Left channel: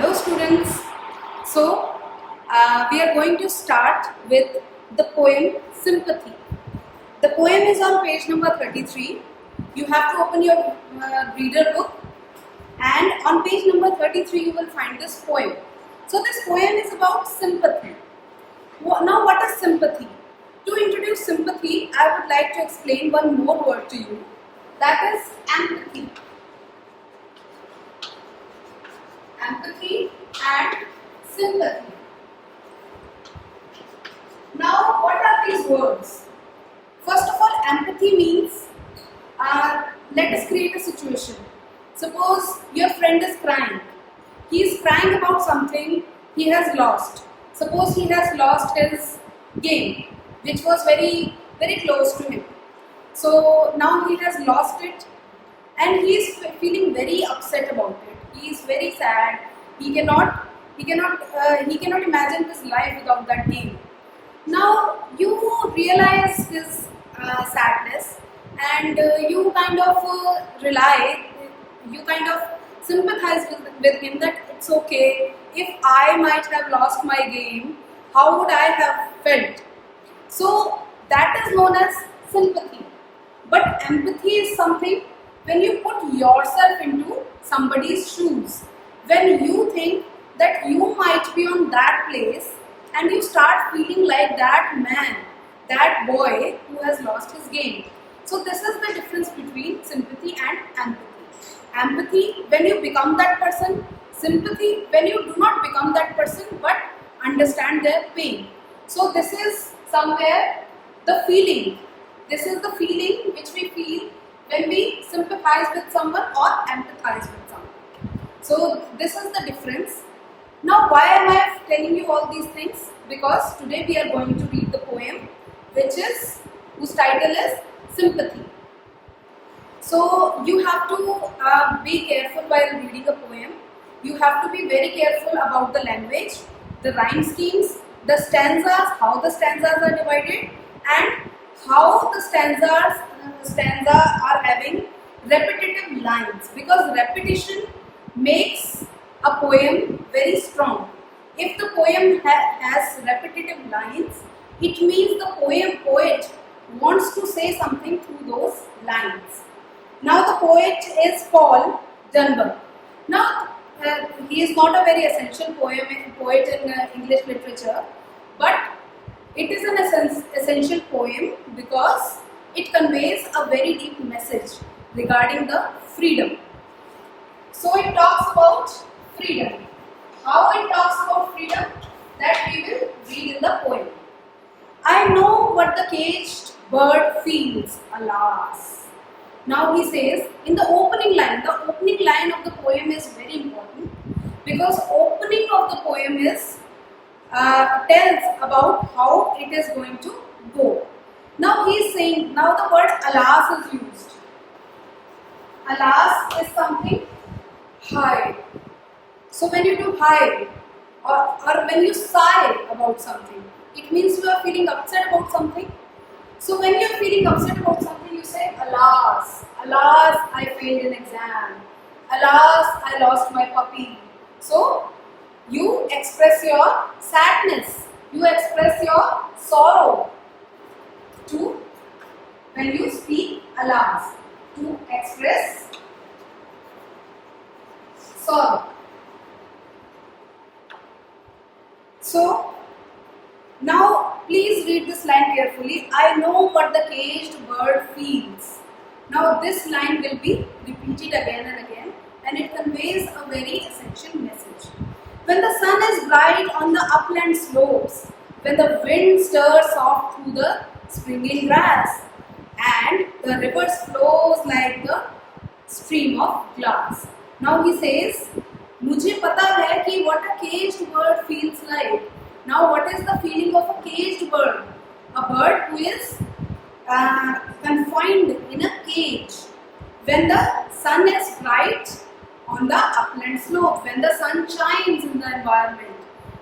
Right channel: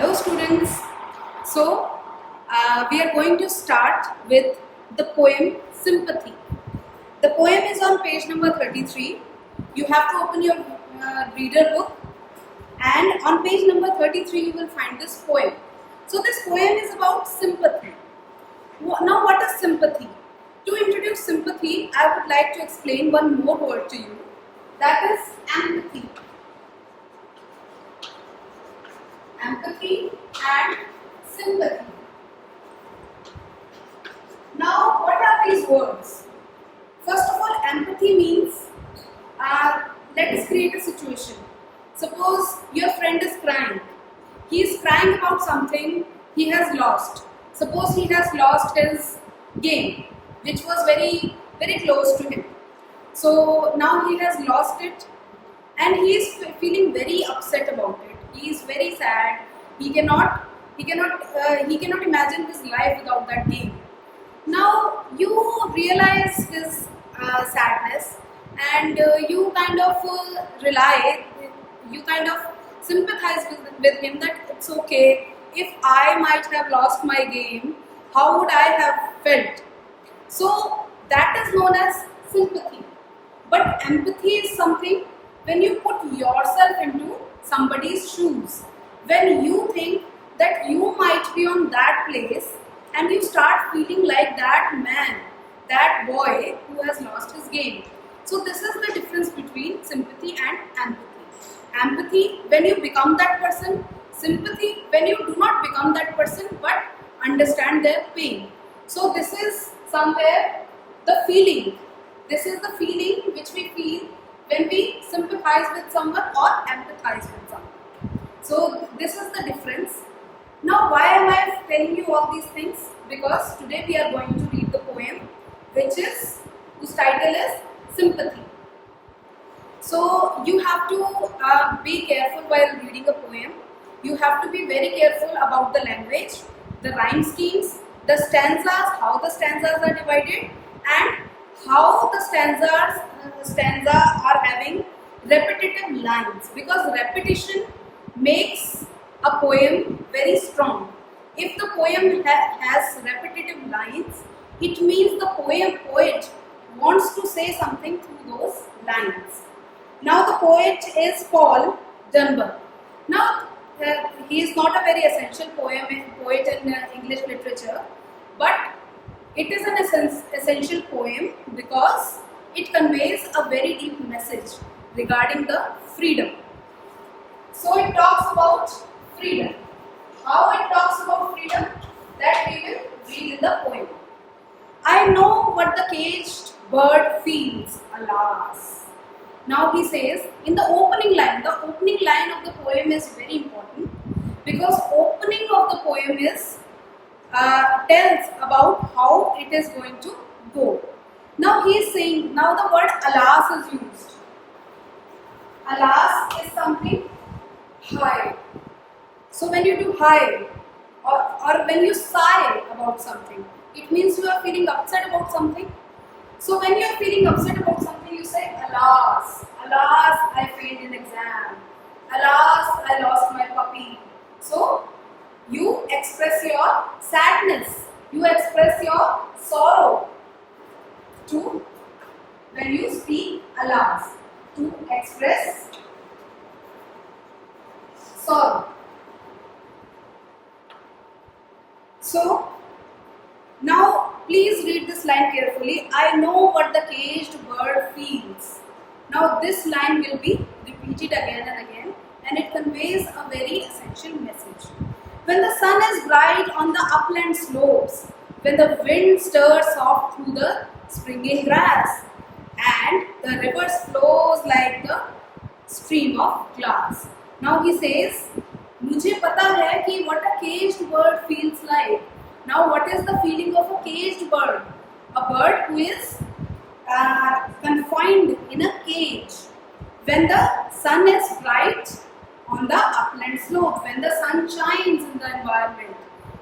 Hello students. We are going to start with the poem Sympathy. The poem is on page number 33. You have to open your reader book, and on page number 33 you will find this poem. So this poem is about sympathy. Now what is sympathy? To introduce sympathy, I would like to explain one more word to you. That is empathy. Empathy and sympathy. Now, what are these words? First of all, empathy means, let us create a situation. Suppose your friend is crying. He is crying about something he has lost. Suppose he has lost his game, which was very, very close to him. So now he has lost it, and he is feeling very upset about it. He is very sad. He cannot imagine his life without that game. Now you realize his sadness, and you kind of sympathize with him that it's okay. If I might have lost my game, how would I have felt? So that is known as sympathy. But empathy is something when you put yourself into somebody's shoes, when you think that you might be on that place and you start feeling like that man, that boy who has lost his game. So this is the difference between sympathy and empathy. Empathy when you become that person, sympathy when you do not become that person but understand their pain. So this is somewhere the feeling. This is the feeling which we feel when we sympathize with someone or empathize with someone. So this is the difference. Now why am I telling you all these things? Because today we are going to read the poem whose title is Sympathy. So you have to be careful while reading a poem. You have to be very careful about the language, the rhyme schemes, the stanzas, how the stanzas are divided, and how the stanza are having repetitive lines, because repetition makes a poem very strong. If the poem has repetitive lines, it means the poet wants to say something through those lines. Now the poet is Paul Dunbar. Now he is not a very essential poet in English literature, but it is an essential poem because it conveys a very deep message regarding the freedom. So it talks about freedom. How it talks about freedom? That we will read in the poem. I know what the caged bird feels, alas. Now he says in the opening line of the poem is very important, because opening of the poem is tells about how it is going to go. Now he is saying, now the word alas is used. Alas is something high. So when you do high or when you sigh about something, it means you are feeling upset about something. So when you are feeling upset about something, you say alas, alas I failed an exam, alas I lost my puppy. So you express your sadness, you express your sorrow to when you speak alas, to express sorrow. So now please read this line carefully. I know what the caged bird feels. Now this line will be repeated again and again, and it conveys a very essential message. When the sun is bright on the upland slopes, when the wind stirs soft through the springing grass, and the river flows like the stream of glass. Now he says, मुझे पता है कि what a caged bird feels like. Now what is the feeling of a caged bird? A bird who is confined in a cage. When the sun is bright on the upland slope, when the sun shines in the environment.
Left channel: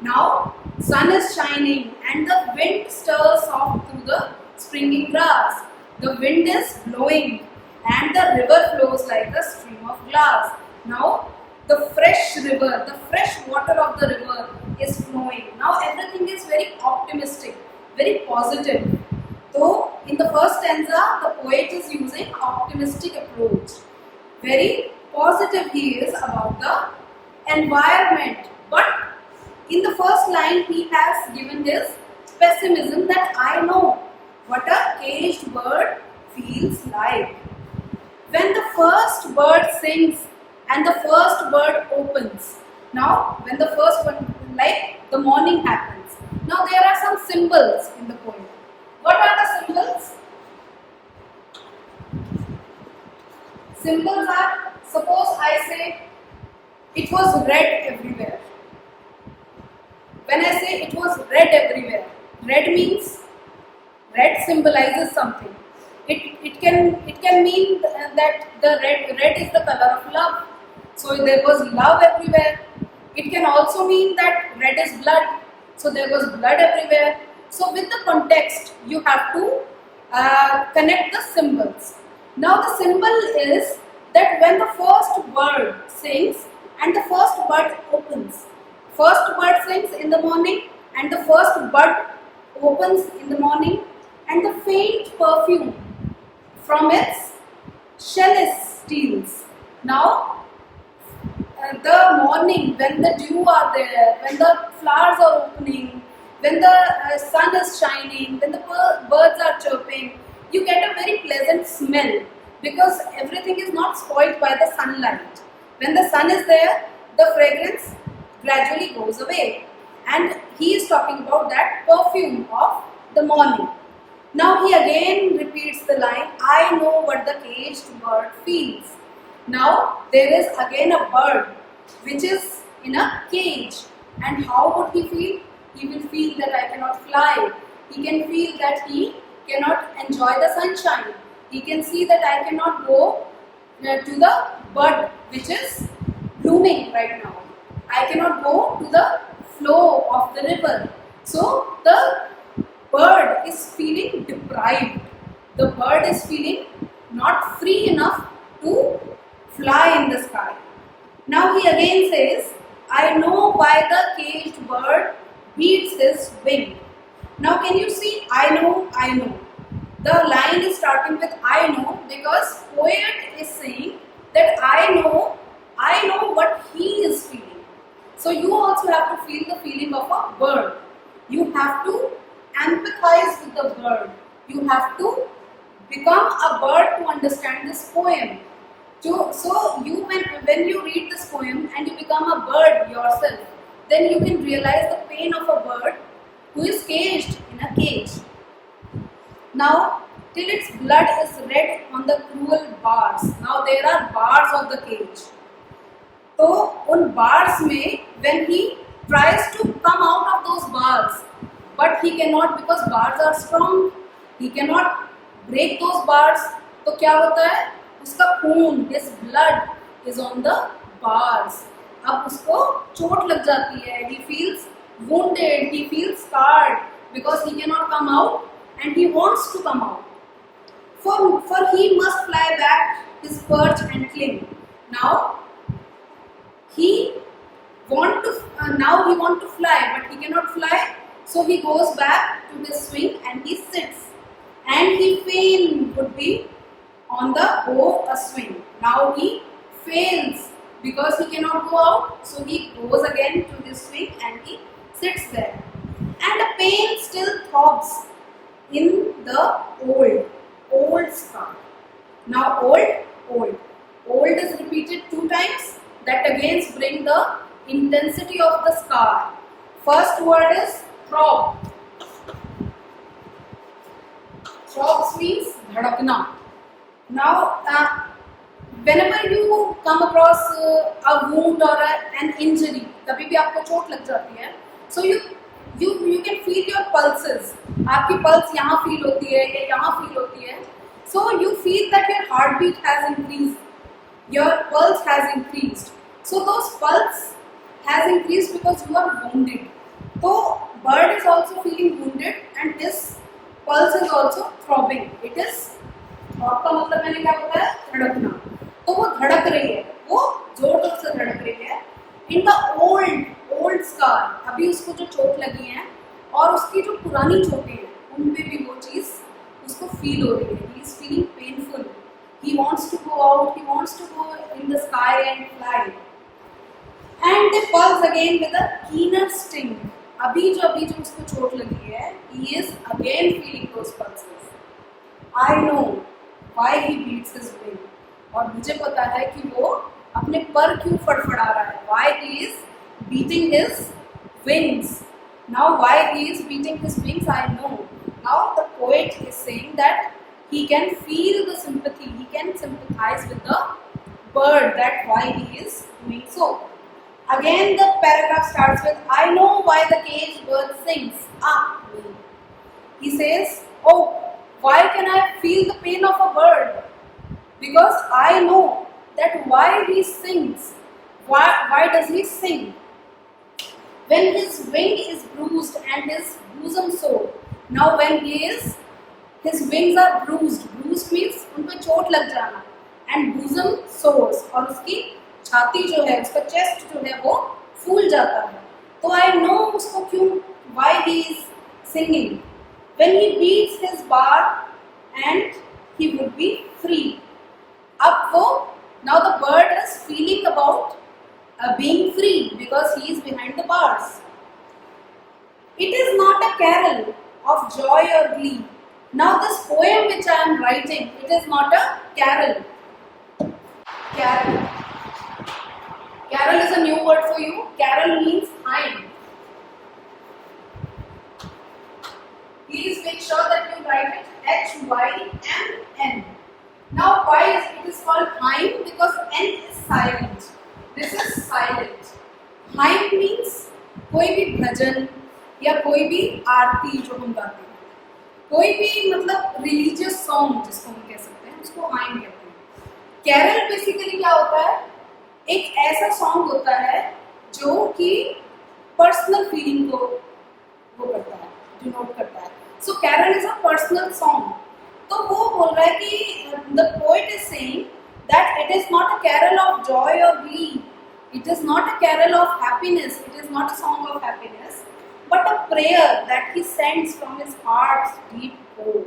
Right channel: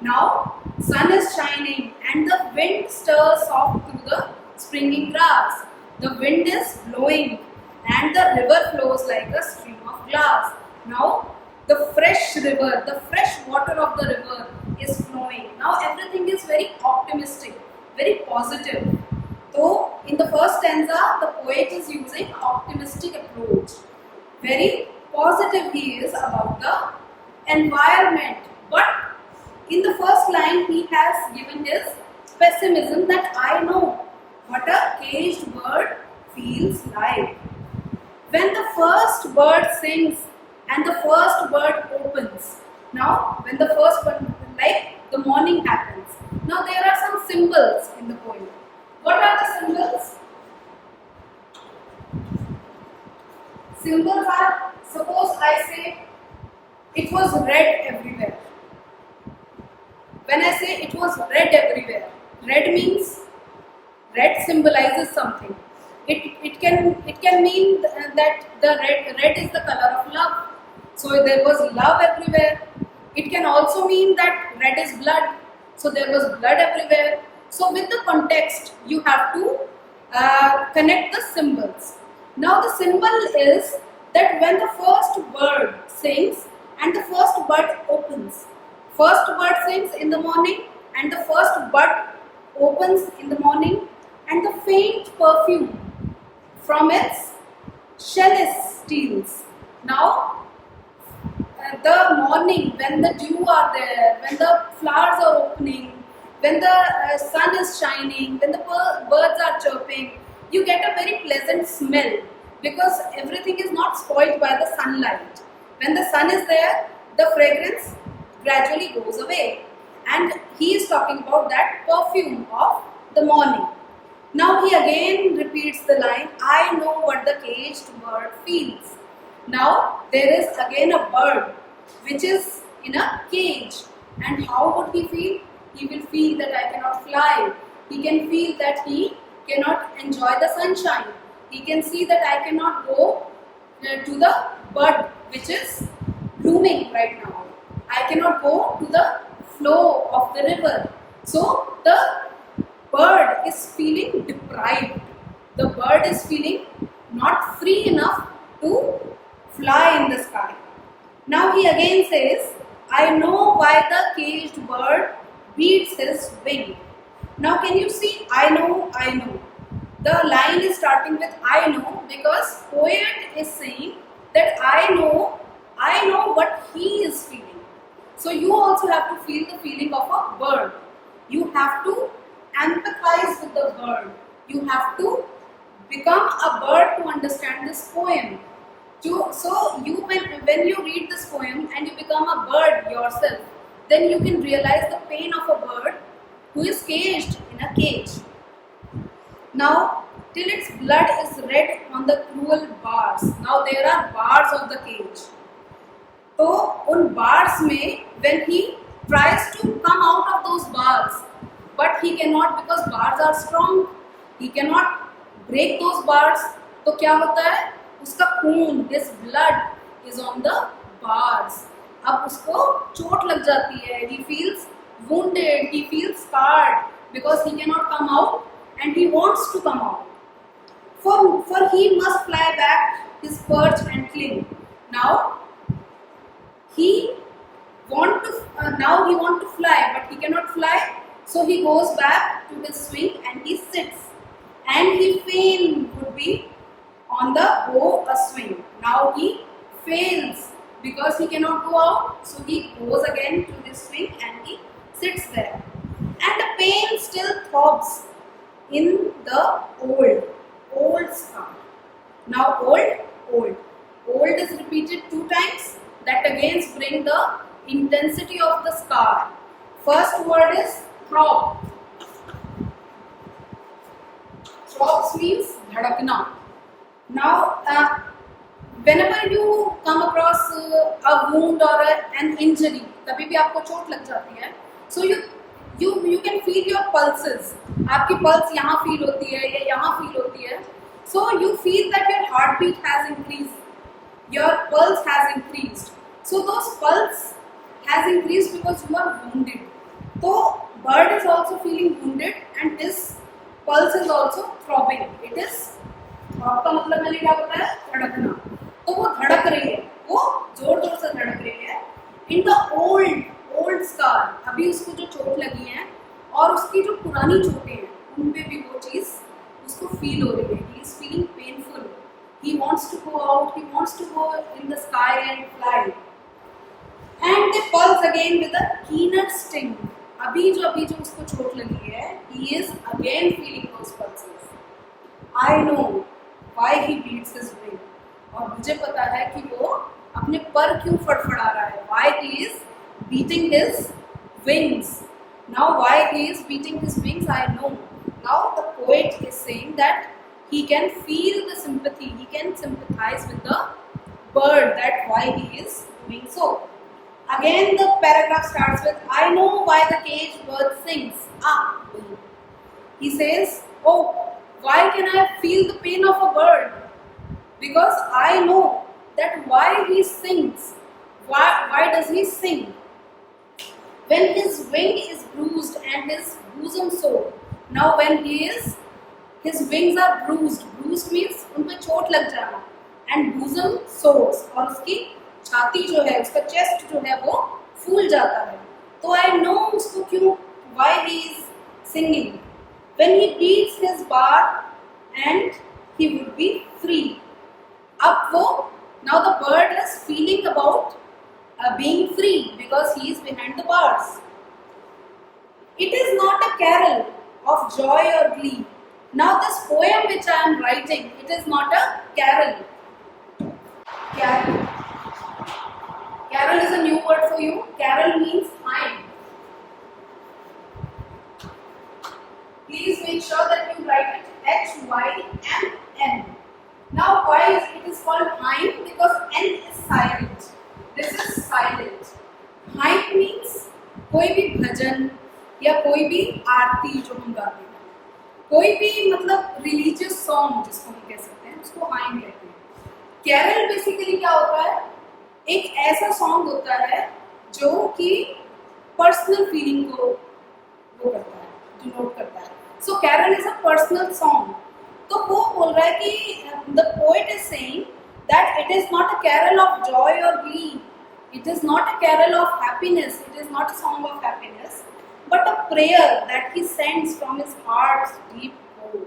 Now sun is shining and the wind stirs soft through the springing grass. The wind is blowing and the river flows like a stream of glass. Now the fresh river, the fresh water of the river is flowing. Now everything is very optimistic, very positive. So in the first stanza, the poet is using optimistic approach. Very positive he is about the environment. But in the first line, he has given his pessimism that I know what a caged bird feels like. When the first bird sings and the first bird opens. Now, when the first one, like the morning happens. Now, there are some symbols in the poem. What are the symbols? Symbols are, suppose I say, it was red everywhere. When I say it was red everywhere, red means, red symbolizes something. It can mean that the red is the color of love. So there was love everywhere. It can also mean that red is blood. So there was blood everywhere. So with the context, you have to connect the symbols. Now the symbol is that when the first bird sings and the first bud opens. First bird sings in the morning and the first bud opens in the morning, and the faint perfume from its shell steals. Now the morning, when the dew are there, when the flowers are opening, when the sun is shining, when the birds are chirping, you get a very pleasant smell because everything is not spoiled by the sunlight. When the sun is there, the fragrance gradually goes away. And he is talking about that perfume of the morning. Now he again repeats the line, I know what the caged bird feels. Now there is again a bird which is in a cage. And how would he feel? He will feel that I cannot fly. He can feel that he cannot enjoy the sunshine. He can see that I cannot go to the bud which is blooming right now. I cannot go to the flow of the river. So the bird is feeling deprived. The bird is feeling not free enough to fly in the sky. Now he again says, I know why the caged bird beats his wing. Now can you see, I know, I know. The line is starting with I know because poet is saying that I know what he is feeling. So you also have to feel the feeling of a bird. You have to empathize with the bird. You have to become a bird to understand this poem. So you when you read this poem and you become a bird yourself, then you can realize the pain of a bird who is caged in a cage. Now, till its blood is red on the cruel bars. Now there are bars of the cage. तो उन bars में when he tries to come out of those bars, but he cannot because bars are strong. He cannot break those bars. तो क्या होता है? उसका खून, his blood is on the bars. अब उसको चोट लग जाती है. He feels wounded. He feels scarred because he cannot come out and he wants to come out. For he must fly back his perch and cling. Now he want to fly, but he cannot fly. So he goes back to his swing and he sits. And he fain would be on the bow a swing. Now he fails because he cannot go out. So he goes again to his swing and he sits there. And the pain still throbs in the old scar. Now old is repeated 2 times. That again brings the intensity of the scar. First word is throb. Throbs means dhadakna. Now, whenever you come across a wound or an injury, कभी भी आपको चोट लग जाती है, so you can feel your pulses. आपकी pulse यहाँ feel होती है या यहाँ feel होती है. So you feel that your heartbeat has increased. Your pulse has increased. So those pulse has increased because you are wounded. So bird is also feeling wounded and his pulse is also throbbing. It is throb का मतलब मैंने क्या बताया? धड़कना. तो वो धड़क रही है, वो जोर जोर से धड़क रही है। इन द ओल्ड स्कार, अभी उसको जो चोट लगी है और उसकी जो पुरानी चोटें हैं उन पे भी वो चीज़ उसको फील हो रही है। He is feeling painful, he wants to go out, he wants to go in the sky and fly and they pulse again with a keener sting. अभी जो उसको चोट लगी है, he is again feeling those pulses. I know why he beats his wing, और मुझे पता है कि वो अपने पर क्यों फड़फड़ा रहा है। Why he is beating his wings. Now why he is beating his wings I know. Now the poet is saying that he can feel the sympathy, he can sympathize with the bird, that why he is doing so. Again the paragraph starts with, I know why the caged bird sings. Me. He says, oh, why can I feel the pain of a bird? Because I know that why he sings. Why does he sing? When his wing is bruised and his bosom sore. Now when his wings are bruised means उन पर चोट लग जाना, and bosom sores, और उसकी छाती जो है, उसका चेस्ट जो है वो फूल जाता है। तो I know उसको क्यों, why he is singing. When he beats his bar and he would be free. अब वो, now the bird is feeling about being free because he is behind the bars. It is not a carol of joy or glee. Now this poem which I am writing, it is not a carol. Carol is a new word for you. Carol means hymn. Please make sure that you write it H-Y-M-N. Now why it is called hymn? Because N is silent. This is silent. Hymn means कोई भी भजन या कोई भी आरती जो हम गाते हैं, कोई भी मतलब रिलीजियस सॉन्ग जिसको हम कह सकते हैं, उसको हाइम कहते हैं। कैरल बेसिकली क्या होता है, एक ऐसा सॉन्ग होता है जो कि पर्सनल फीलिंग को वो करता है, डिनोट करता है। So carol is a personal song. तो वो बोल रहा है कि the poet is saying that it is not a carol of joy और glee, it is not a carol of happiness, it is not a song of happiness, but a prayer that he sends from his heart's deep core.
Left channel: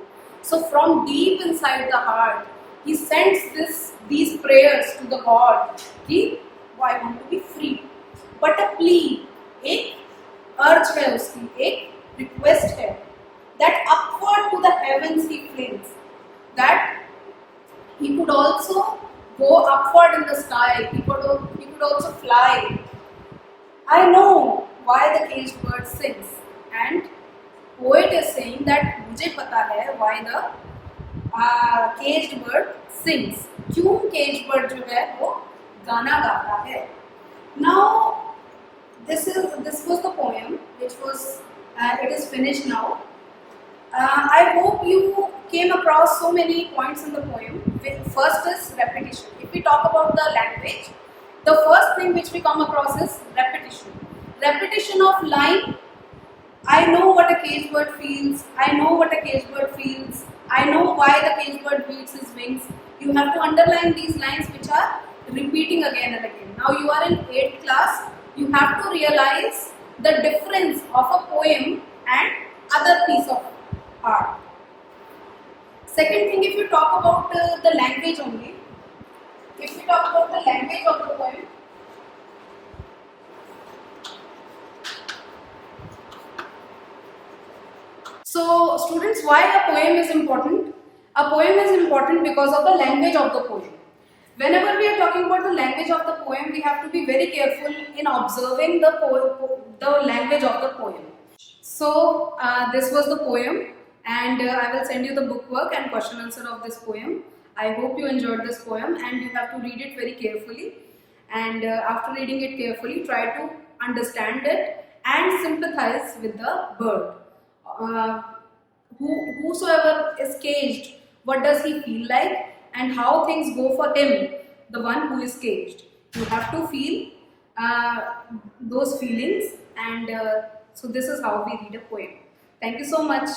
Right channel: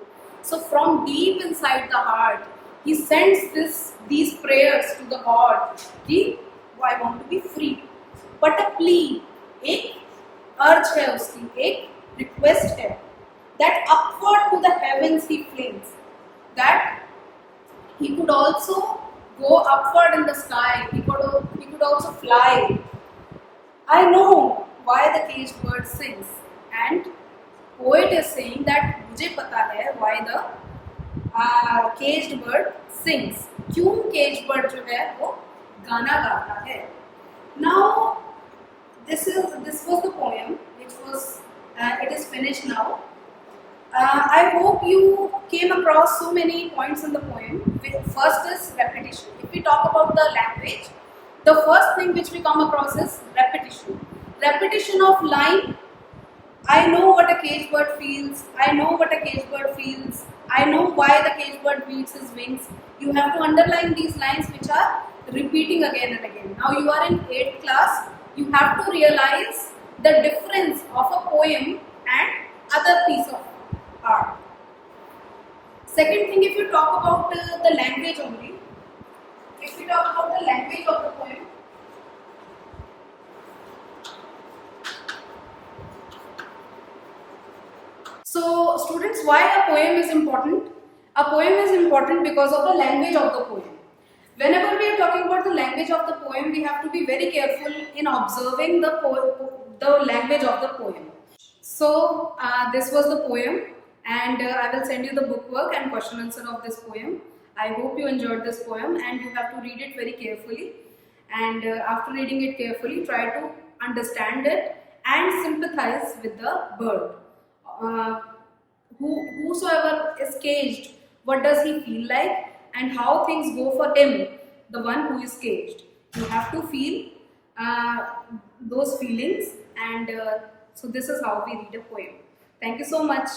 So from deep inside the heart, he sends these prayers to the God कि I want to be free. But a plea, एक urge है उसकी, एक request है, that upward to the heavens he flings, that he could also go upward in the sky, he could also fly. I know why the caged bird sings, and poet is saying that मुझे पता है why the caged bird sings, क्यों caged bird जो है वो गाना गाता है। Now this was the poem which was it is finished now. I hope you came across so many points in the poem. First is repetition. If we talk about the language, the first thing which we come across is repetition. Repetition of line. I know what a caged bird feels. I know what a caged bird feels. I know why the caged bird beats his wings. You have to underline these lines which are repeating again and again. Now you are in 8th class. You have to realize the difference of a poem and other piece of art. Second thing, if you talk about the language only, if we talk about the language of the poem, so students, why a poem is important? A poem is important because of the language of the poem. Whenever we are talking about the language of the poem, we have to be very careful in observing the language of the poem. So this was the poem, and I will send you the bookwork and question answer of this poem. I hope you enjoyed this poem, and you have to read it very carefully, and after reading it carefully, try to understand it and sympathize with the bird. Whosoever is caged, what does he feel like, and how things go for him, the one who is caged. You have to feel those feelings, and so this is how we read a poem. Thank you so much.